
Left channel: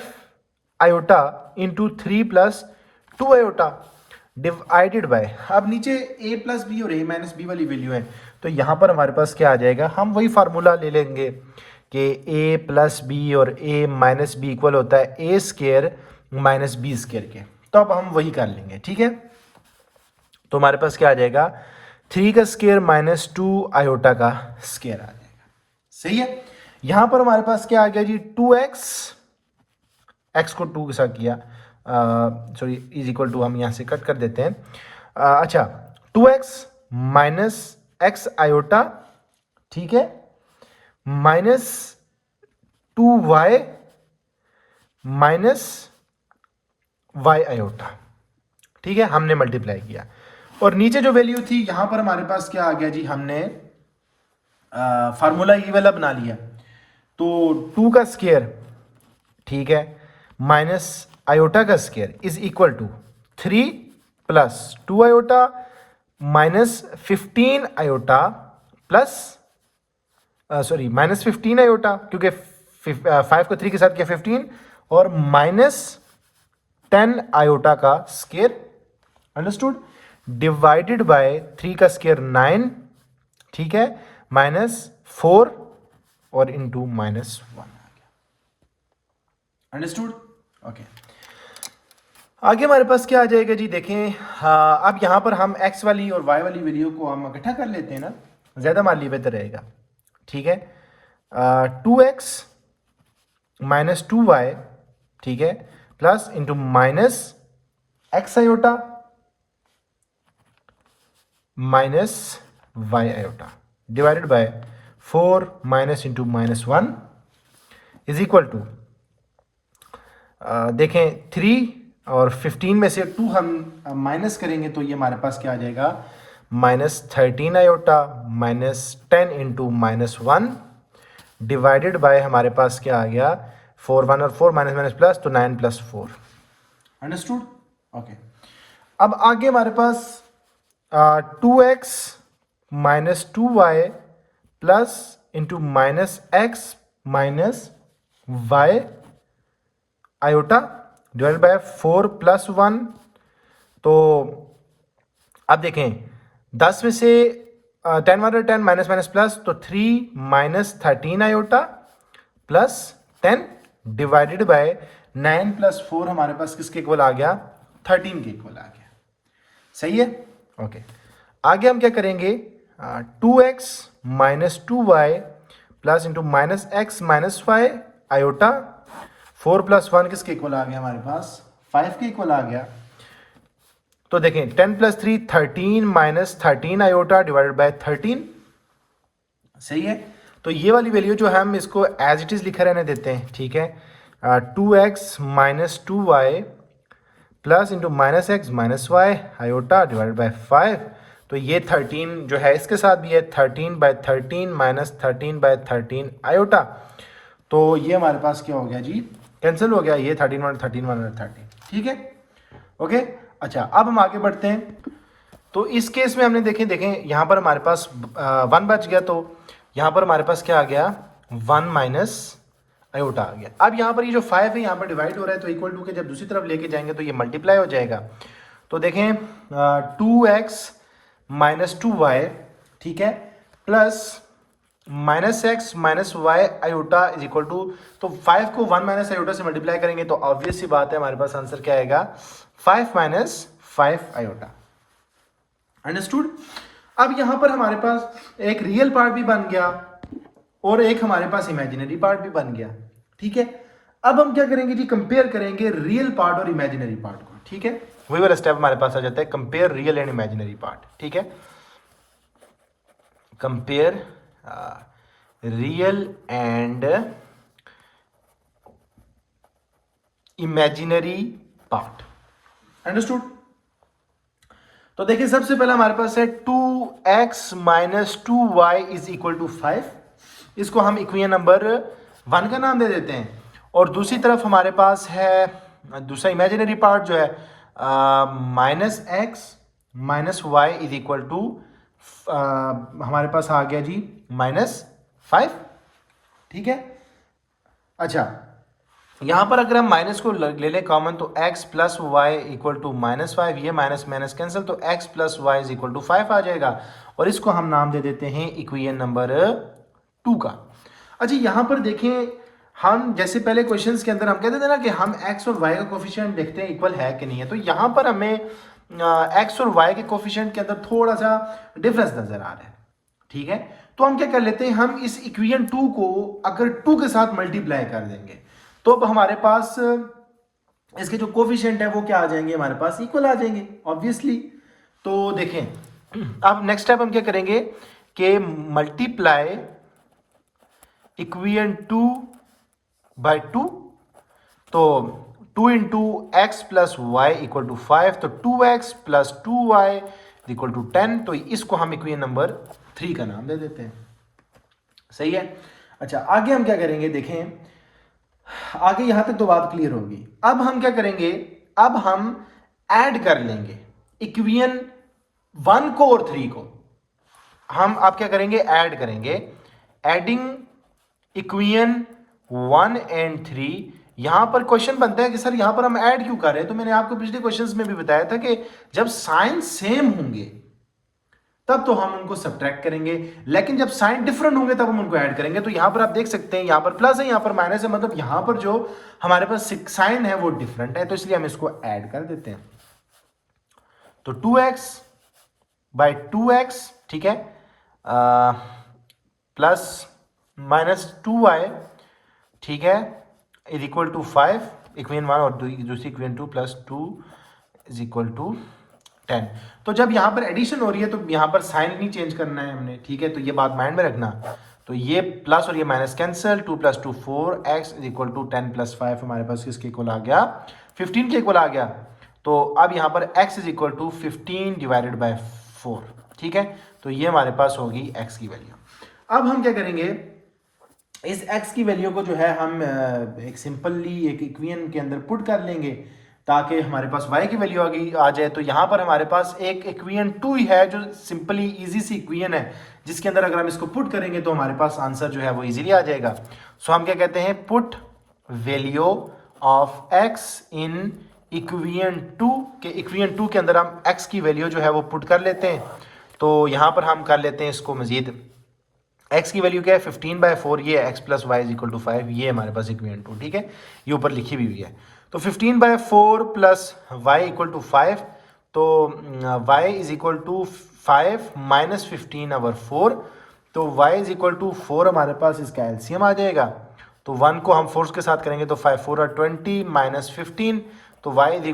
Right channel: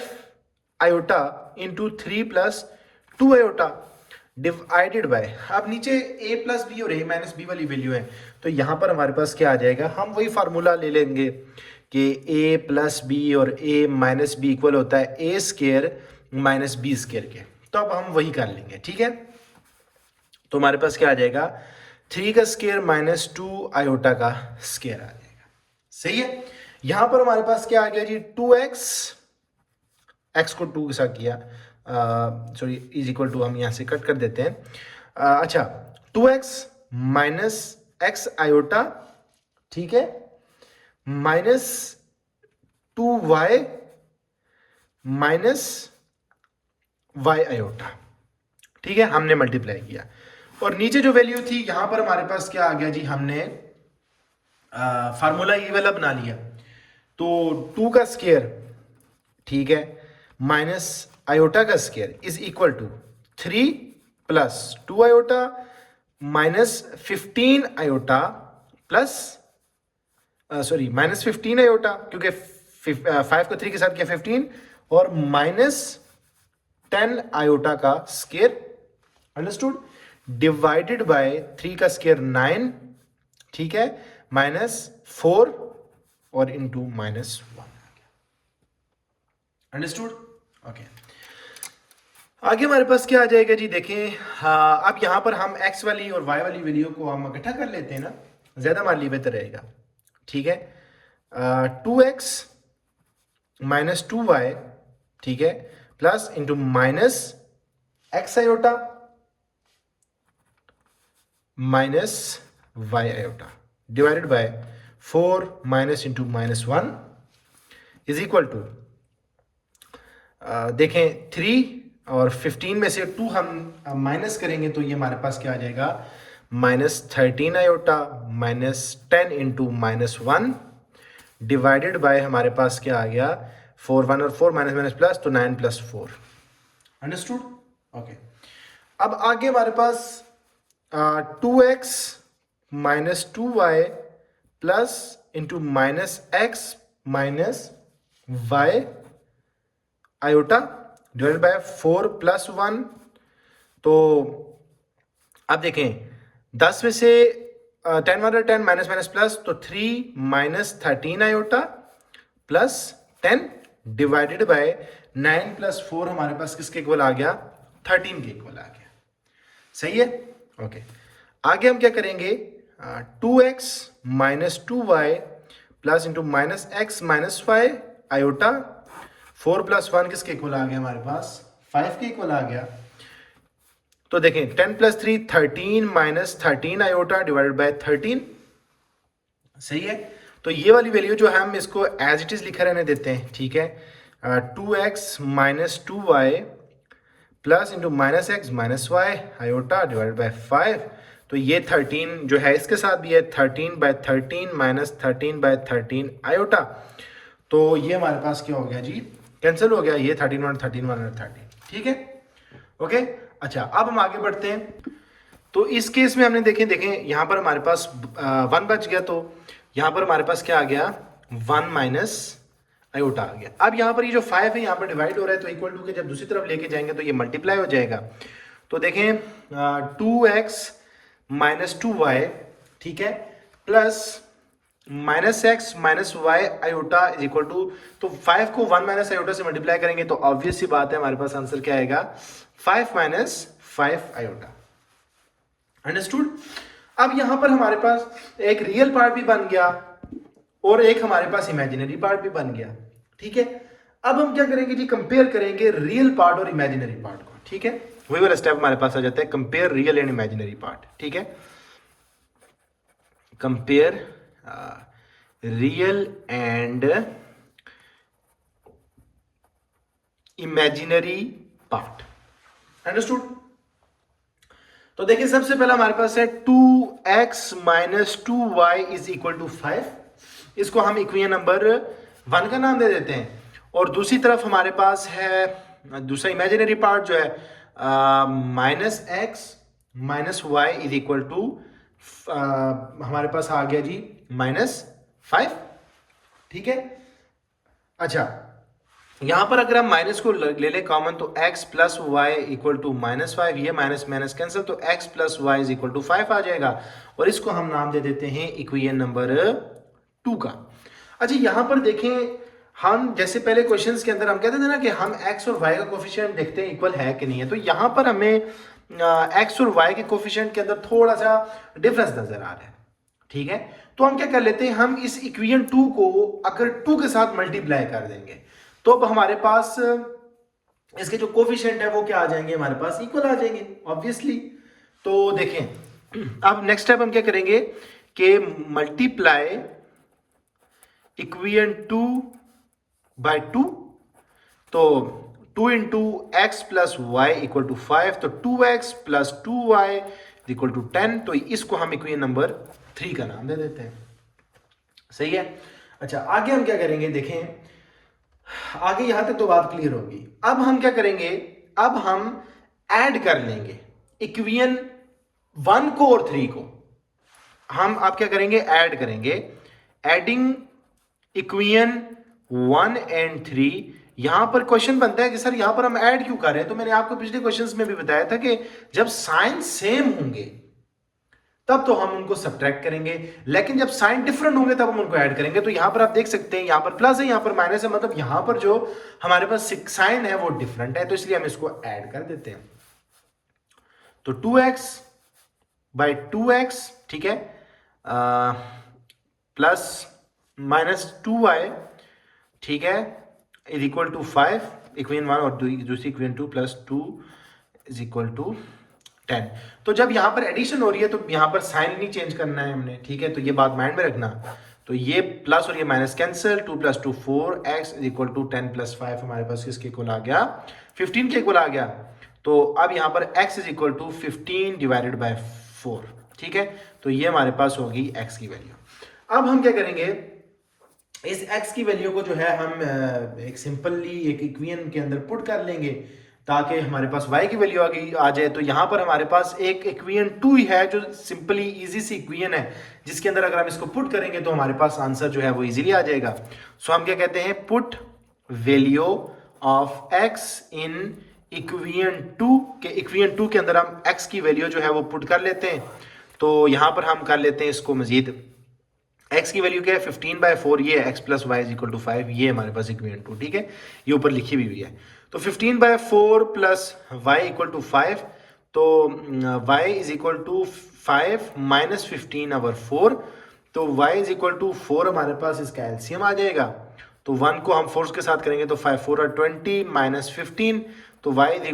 iota into 3 plus 2 iota divided by, अब नीचे a प्लस बी और a माइनस बी वाली वैल्यू है तो यहाँ पर हमारे पास क्या आ जाएगा, हम वही फार्मूला ले लेंगे कि a प्लस बी और a माइनस बी इक्वल होता है a square minus b square के। तो अब हम वही कर लेंगे। ठीक है, तो हमारे पास क्या आ जाएगा 3 का स्केयर माइनस 2 आयोटा का स्केयर आ जाएगा। सही है, यहां पर हमारे पास क्या आ गया जी 2x, x को 2 के साथ किया, सॉरी इज इक्वल टू हम यहां से कट कर देते हैं। अच्छा, 2x माइनस एक्स आयोटा, ठीक है, minus 2y minus y iota. ठीक है, हमने मल्टीप्लाई किया और नीचे जो वैल्यू थी यहां पर हमारे पास क्या आ गया जी, हमने फार्मूला ये वाला बना लिया। तो 2 का स्केयर, ठीक है, माइनस आयोटा का square is equal to 3 plus 2 iota minus 15 iota plus sorry minus 15 iota, क्योंकि 5 को 3 के साथ किया 15 और माइनस 10 आयोटा का स्केयर। अंडरस्टूड, डिवाइडेड बाय 3 का स्केयर 9, ठीक है, माइनस 4 और इंटू माइनस 1। अंडरस्टूड। ओके, आगे हमारे पास क्या आ जाएगा जी, देखें अब यहां पर हम x वाली और y वाली वैल्यू को हम इकट्ठा कर लेते हैं ना। ज़्यादा मान ली बेहतर रहेगा, ठीक है। 2x माइनस 2y, ठीक है, plus into minus x iota minus y iota divided by 4 minus into minus 1 is equal to, देखें 3 और 15 में से 2 हम माइनस करेंगे तो ये हमारे पास क्या आ जाएगा, minus 13 iota minus 10 into minus 1 divided by हमारे पास क्या आ गया, 4 1 और 4 माइनस माइनस प्लस, तो 9 प्लस 4। अंडरस्टूड? ओके। अब आगे हमारे पास 2x minus 2y plus into minus x minus y iota divided by 4 plus 1। तो अब देखें 10 में से 10 1 10 माइनस माइनस प्लस, तो 3 minus 13 iota plus 10 divided by 9 plus 4 हमारे पास किसके इक्वल आ गया, 13 के इक्वल आ गया। सही है? ओके। आगे हम क्या करेंगे, 2x minus 2y plus into minus x minus y iota 4 plus 1 किसके इक्वल आ गया हमारे पास, 5 के इक्वल आ गया। तो देखें 10 plus 3 13 minus 13 iota divided bye 13। सही है? तो ये वाली वैल्यू जो हम इसको एज इट इज लिखे रहने देते हैं, ठीक है। 2x minus 2y plus into minus x minus y iota divided by 5। तो ये 13 जो है इसके साथ भी है, 13 बाय 13 माइनस 13 बाय 13 आयोटा। तो ये हमारे पास क्या हो गया जी, कैंसिल हो गया, ये 13 1 13 1 13, ठीक है। ओके। अच्छा, अब हम आगे बढ़ते हैं। तो इस केस में हमने देखें यहाँ पर हमारे पास 1 बच गया, तो यहाँ पर हमारे पास क्या आ गया, 1 माइनस आयोटा आ गया। अब यहाँ पर ये जो 5 है यहाँ पर डिवाइड हो रहा है, तो इक्वल टू के जब दूसरी तरफ लेके जाएंगे तो ये मल्टीप्लाई हो जाएगा। तो देखें 2x माइनस 2y, ठीक है, plus minus x minus y iota is equal to, तो 5 को 1 माइनस आयोटा से मल्टीप्लाई करेंगे तो ऑब्वियस सी बात है हमारे पास आंसर क्या आएगा, 5 माइनस 5 आयोटा। अंडरस्टूड? अब यहां पर हमारे पास एक रियल पार्ट भी बन गया और एक हमारे पास इमेजिनरी पार्ट भी बन गया, ठीक है। अब हम क्या करेंगे जी, कंपेयर करेंगे रियल पार्ट और इमेजिनरी पार्ट को, ठीक है। वही वाला स्टेप हमारे पास आ जाता है, compare real and imaginary part, ठीक है। Compare real and imaginary part. Understood? तो देखिए सबसे पहला हमारे पास है 2x minus 2y is equal to 5। इसको हम इक्वेशन नंबर 1 का नाम दे देते हैं। और दूसरी तरफ हमारे पास है दूसरा इमेजिनरी पार्ट जो है minus x minus y is equal to हमारे पास आ गया जी -5, ठीक है। अच्छा, यहां पर अगर हम माइनस को ले लें कॉमन, तो x plus y equal to -5, ये माइनस माइनस कैंसिल, तो x plus y is equal to 5 आ जाएगा। और इसको हम नाम दे देते हैं इक्वेशन नंबर 2 का। अच्छा, यहां पर देखें, हम जैसे पहले क्वेश्चंस के अंदर हम कहते थे ना कि हम x और y का कोफिशिएंट देखते हैं इक्वल है कि नहीं है, तो यहां पर हमें x और y के कोफिशिएंट के अंदर थोड़ा सा डिफरेंस नजर आ रहा है, ठीक है। तो हम क्या कर लेते हैं, हम इस इक्वेशन 2 को अगर 2 के साथ मल्टीप्लाई कर देंगे तो अब हमारे पास इसके जो कोफिशिएंट है वो क्या आ जाएंगे, हमारे पास इक्वल आ जाएंगे ऑब्वियसली। तो देखें अब नेक्स्ट स्टेप हम क्या करेंगे कि मल्टीप्लाई इक्वेशन 2 बाय 2, तो 2 into x plus y equal to 5, तो 2x plus 2y equal to 10। तो इसको हम इक्वेशन नंबर 3 का नाम दे देते हैं। सही है? अच्छा, आगे हम क्या करेंगे, देखें आगे यहां तक तो बात क्लियर होगी। अब हम क्या करेंगे, अब हम ऐड कर लेंगे इक्वेशन 1 को और 3 को। हम आप क्या करेंगे, ऐड करेंगे, एडिंग इक्वेशन 1 एंड 3। यहां पर क्वेश्चन बनता है कि सर यहां पर हम ऐड क्यों कर रहे हैं, तो मैंने आपको पिछले क्वेश्चंस में भी बताया था कि जब साइन सेम होंगे तब तो हम उनको सब्ट्रैक्ट करेंगे, लेकिन जब साइन डिफरेंट होंगे तब हम उनको ऐड करेंगे। तो यहां पर आप देख सकते हैं, यहां पर प्लस है, यहां पर माइनस है, मतलब यहां पर जो हमारे पास साइन है वो डिफरेंट है, तो इसलिए हम इसको ऐड कर देते हैं। तो 2x बाय 2x, ठीक है, प्लस माइनस 2y, ठीक है, इज इक्वल टू 5, इक्वेशन 1 और दूसरी equation 2 plus 2 is equal to 10। तो जब यहाँ पर एडिशन हो रही है तो यहाँ पर साइन नहीं चेंज करना है हमने, ठीक है, तो ये बात माइंड में रखना। तो ये प्लस और ये minus cancel, 2 + 2 4, x is equal to 10 + 5 हमारे पास किसके इक्वल आ गया, 15 के इक्वल आ गया। तो अब यहाँ पर x is equal to 15 divided by 4, ठीक है, तो ये हमारे पास होगी x की वैल्यू। अब हम क्या करेंगे, इस x की वैल्यू को जो है हम एक सिंपली एक इक्वेशन के अंदर पुट कर लेंगे ताकि हमारे पास y की वैल्यू आ जाए। तो यहाँ पर हमारे पास एक इक्वेशन 2 ही है जो सिंपली इजी सी इक्वेशन है, जिसके अंदर अगर हम इसको पुट करेंगे तो हमारे पास आंसर जो है वो इजीली आ जाएगा। सो हम क्या कहते हैं, put value of x in equation 2 के, इक्वेशन 2 के अंदर हम x की वैल्यू जो है वो पुट कर लेते हैं। तो यहाँ पर हम कर लेते हैं इसको मजीद, x की वैल्यू क्या है 15/4, ये x + y = 5, ये हमारे पास इक्वेशन 2, ठीक है, ये ऊपर लिखी भी हुई है। तो 15/4 + y = 5, तो y = 5 - 15/4, तो y = 4 हमारे पास इसका एलसीएम आ जाएगा। तो 1 को हम 4 के साथ करेंगे तो 5 4 are 20 - 15, तो y =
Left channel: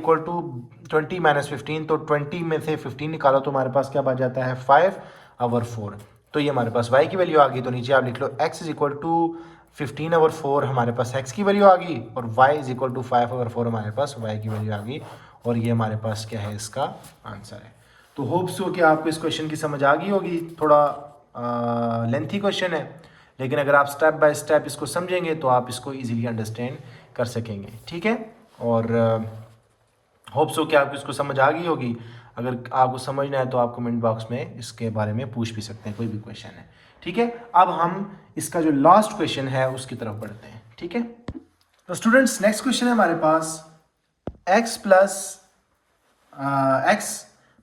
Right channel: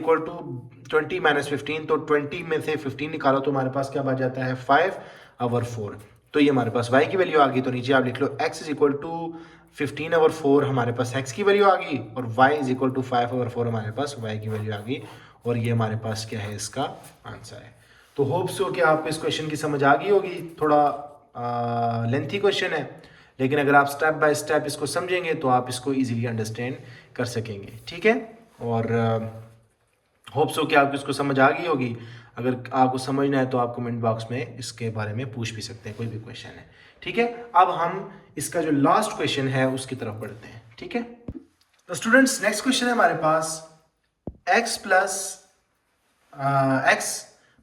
20 - 15, तो 20 में से 15 निकालो तो हमारे पास क्या बच जाता है 5/4। तो ये हमारे पास y की वैल्यू आ गई। तो नीचे आप लिख लो x = 15/4 हमारे पास x की वैल्यू आ गई, और y = 5/4 हमारे पास y की वैल्यू आ गई, और ये हमारे पास क्या है, इसका आंसर है। तो होप्स हो कि आपको इस क्वेश्चन की समझ आ गई होगी। थोड़ा लेंथी क्वेश्चन है, लेकिन अगर आप स्टेप बाय स्टेप इसको समझेंगे तो आप इसको इजीली अंडरस्टैंड कर सकेंगे, ठीक है। और होप्स हो कि आपको इसको समझ आ गई होगी। अगर आपको समझना है तो आप कमेंट बॉक्स में इसके बारे में पूछ भी सकते हैं, कोई भी क्वेश्चन है, ठीक है। अब हम इसका जो लास्ट क्वेश्चन है उसकी तरफ बढ़ते हैं, ठीक है। तो स्टूडेंट्स नेक्स्ट क्वेश्चन है हमारे पास, x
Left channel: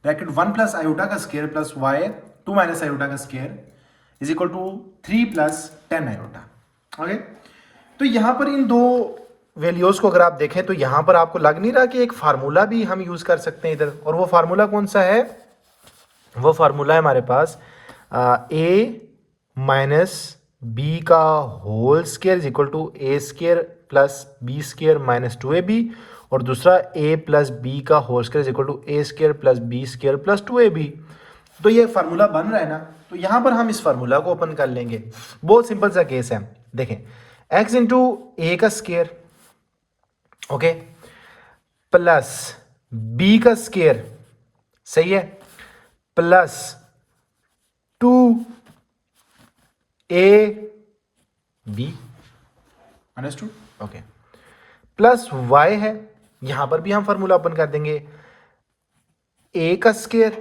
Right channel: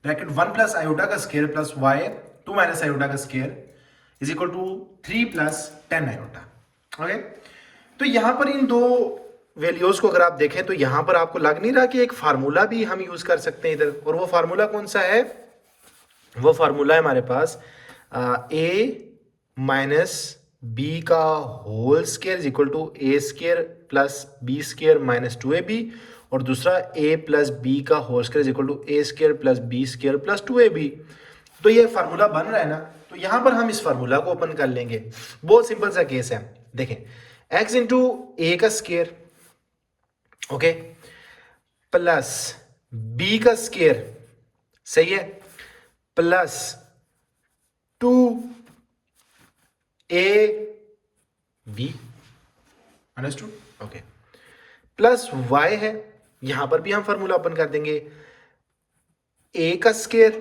ब्रैकेट 1 + आयोटा का स्क्वायर प्लस y 2 - आयोटा का square is equal to 3 + 10 iota. Okay, तो यहाँ पर इन दो वैल्यूज को अगर आप देखें तो यहाँ पर आपको लग नहीं रहा कि एक फार्मूला भी हम यूज कर सकते हैं इधर, और वो फार्मूला कौन सा है, वो फार्मूला है हमारे पास a - b का whole square is equal to a² + b² - 2ab, और दूसरा a + b का whole square is equal to a² + b² + 2ab। तो ये फार्मूला बन रहा है ना, तो यहाँ पर हम इस फार्मूला को ओपन कर लेंगे। बहुत सिंपल सा केस है, देखें, x इंटू a का स्क्वायर, ओके, प्लस b का स्क्वायर, सही है, plus 2ab, understood, okay, plus y है, यहां पर भी हम फार्मूला ओपन कर देंगे, a का स्क्वायर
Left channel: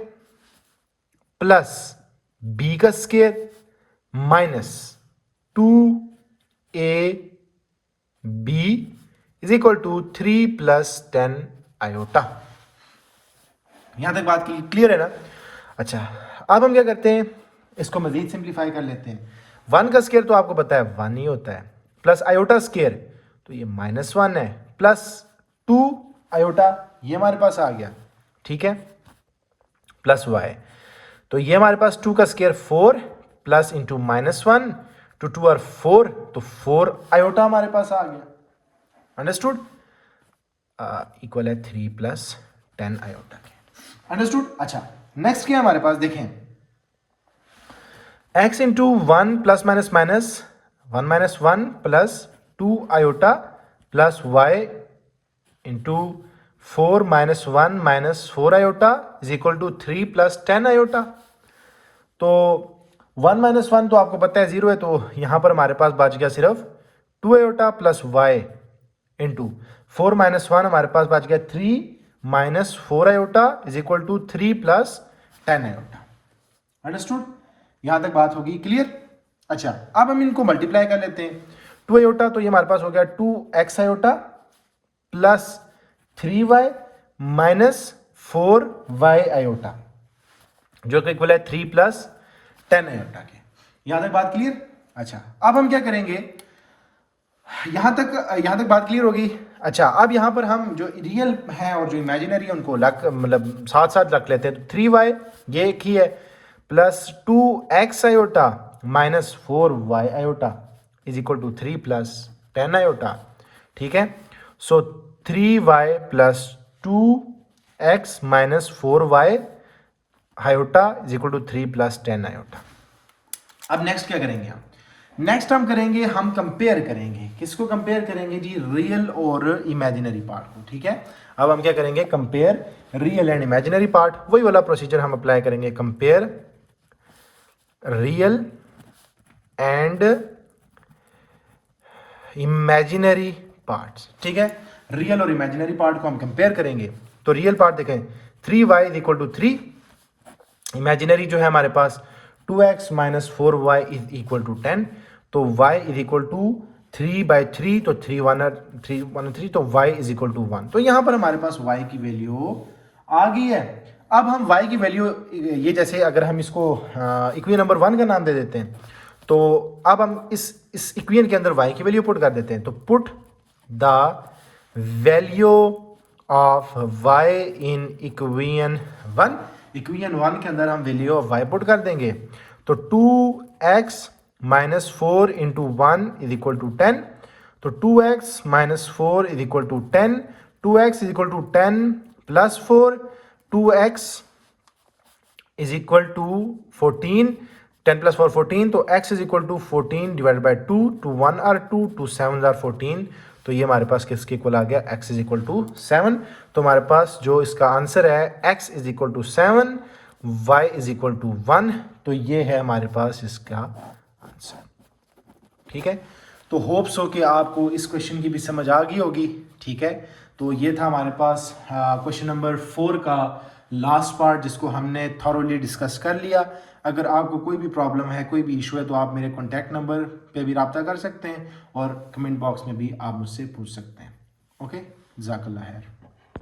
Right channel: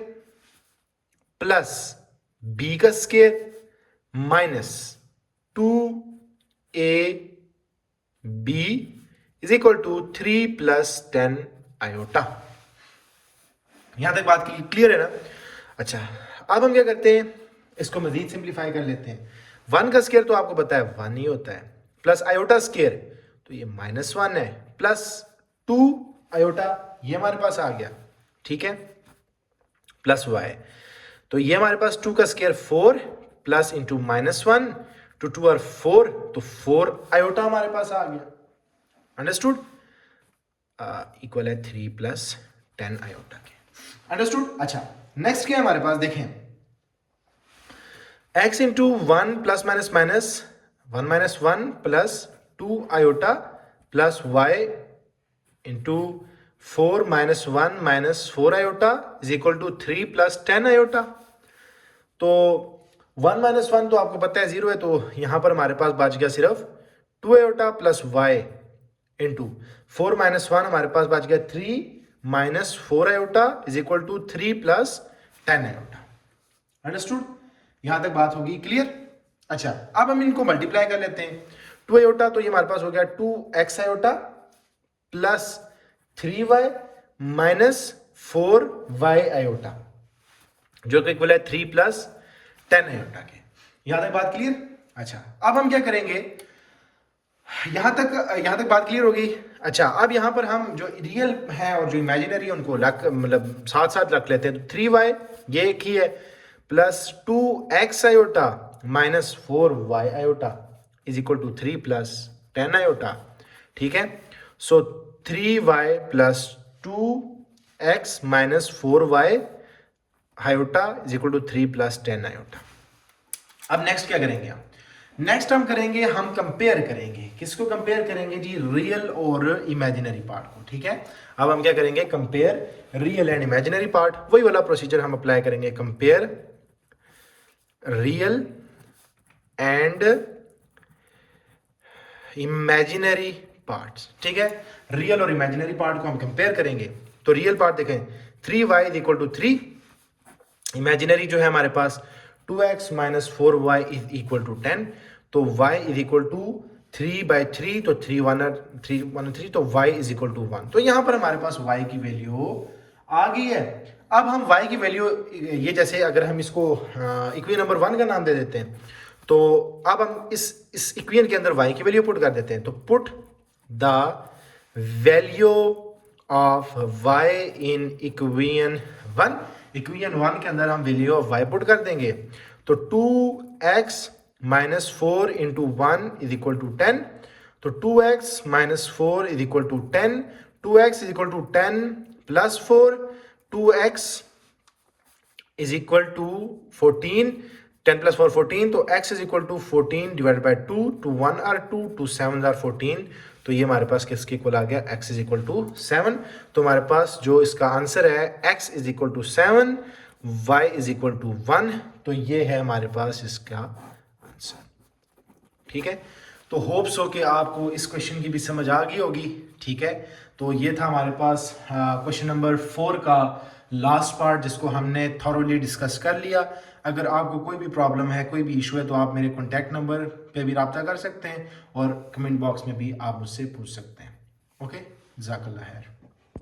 प्लस b का square minus 2ab is equal to 3 + 10 iota. यहां तक बात क्लियर है ना। अच्छा, अब हम क्या करते हैं, इसको मजीद सिंप्लीफाई कर लेते हैं। 1 का स्क्वायर तो आपको पता है 1 ही होता है, प्लस आयोटा स्क्वायर तो ये -1 है, प्लस 2 आयोटा ये हमारे पास आ गया, ठीक है, प्लस y, तो ये हमारे पास 2 का स्क्वायर 4 प्लस इंटू -1 to 2 और 4, तो 4 आयोटा हमारे पास आ गया, अंडरस्टूड, इक्वल है 3 + 10 आयोटा के, अंडरस्टूड। अच्छा, नेक्स्ट क्या है हमारे पास, देखें, x into 1 + -1 -1 plus 2 iota plus y into 4 - 1 - 4 iota is equal to 3 + 10 iota. तो 1 - 1 तो आपको पता है 0 है, तो यहां पर हमारे पास बच गया सिर्फ 2 आयोटा प्लस y इंटू 4 - 1 हमारे पास बच गया 3 - 4 iota is equal to 3 + 10 iota, understood. यहां तक बात होगी क्लियर। अच्छा, अब हम इनको मल्टीप्लाई कर लेते हैं। 2 आयोटा तो ये हमारे पास हो गया 2x iota plus 3y minus 4y iota, जो कि इक्वल है 3 + 10 आयोटा के। यहां तक बात क्लियर। अच्छा, अब हम क्या करेंगे, यहां तक बात क्लियर होगी। अच्छा, अब यहां पर हम जो रियल है और जो इमेजिनरी है उनको मतलब साथ साथ रख लेते हैं। तो 3y ये एक ही है, plus 2x iota minus 4y iota is equal to 3 plus 10 iota. ठीक है, so 3y plus 2x minus 4y iota is equal to 3 plus 10 iota. अब नेक्स्ट क्या करेंगे हम? नेक्स्ट हम करेंगे, हम कंपेयर करेंगे। किसको कंपेयर करेंगे जी? रियल और इमेजिनरी पार्ट को। ठीक है, अब हम क्या करेंगे? Compare real and imaginary part. वही वाला प्रोसीजर हम अप्लाई करेंगे, compare real and imaginary parts. ठीक है, रियल और इमेजिनरी पार्ट को हम कंपेयर करेंगे। तो रियल पार्ट देखें, 3y is equal to 3, imaginary जो है हमारे पास 2x minus 4y is equal to 10, तो y इज इक्वल टू 3/3, तो 3 1 3, तो y इज इक्वल टू 1। तो यहां पर हमारे पास y की वैल्यू आ गई है। अब हम y की वैल्यू, ये जैसे अगर हम इसको इक्वेशन नंबर 1 का नाम दे देते हैं, तो अब हम इस इक्वेशन के अंदर y की वैल्यू पुट कर देते हैं। तो put the value of y in equation 1। Equation 1 के अंदर हम वैल्यू ऑफ y पुट कर देंगे। तो 2x minus 4 into 1 is equal to 10, तो 2x minus 4 is equal to 10, 2x is equal to 10 plus 4, 2x is equal to 14, 10 plus 4 14, तो x is equal to 14 divide by 2, 2 1 are 2, 2 7 are 14, तो ये हमारे पास किसके equal आ गया? x is equal to 7। तो हमारे पास जो इसका आंसर है x is equal to 7, y is equal to 1, तो ये है हमारे पास इसका आंसर। ठीक है, तो होप्स हो कि आपको इस क्वेश्चन की भी समझ आ गई होगी। ठीक है, तो ये था हमारे पास क्वेश्चन नंबर 4 का लास्ट पार्ट, जिसको हमने थॉरोली डिस्कस कर लिया। अगर आपको कोई भी प्रॉब्लम है, कोई भी इशू है, तो आप मेरे कॉन्टैक्ट नंबर पे भी रब्ता कर सकते हैं और कमेंट बॉक्स में भी आप मुझसे पूछ सकते हैं। ओके, जज़ाकल्लाह खैर।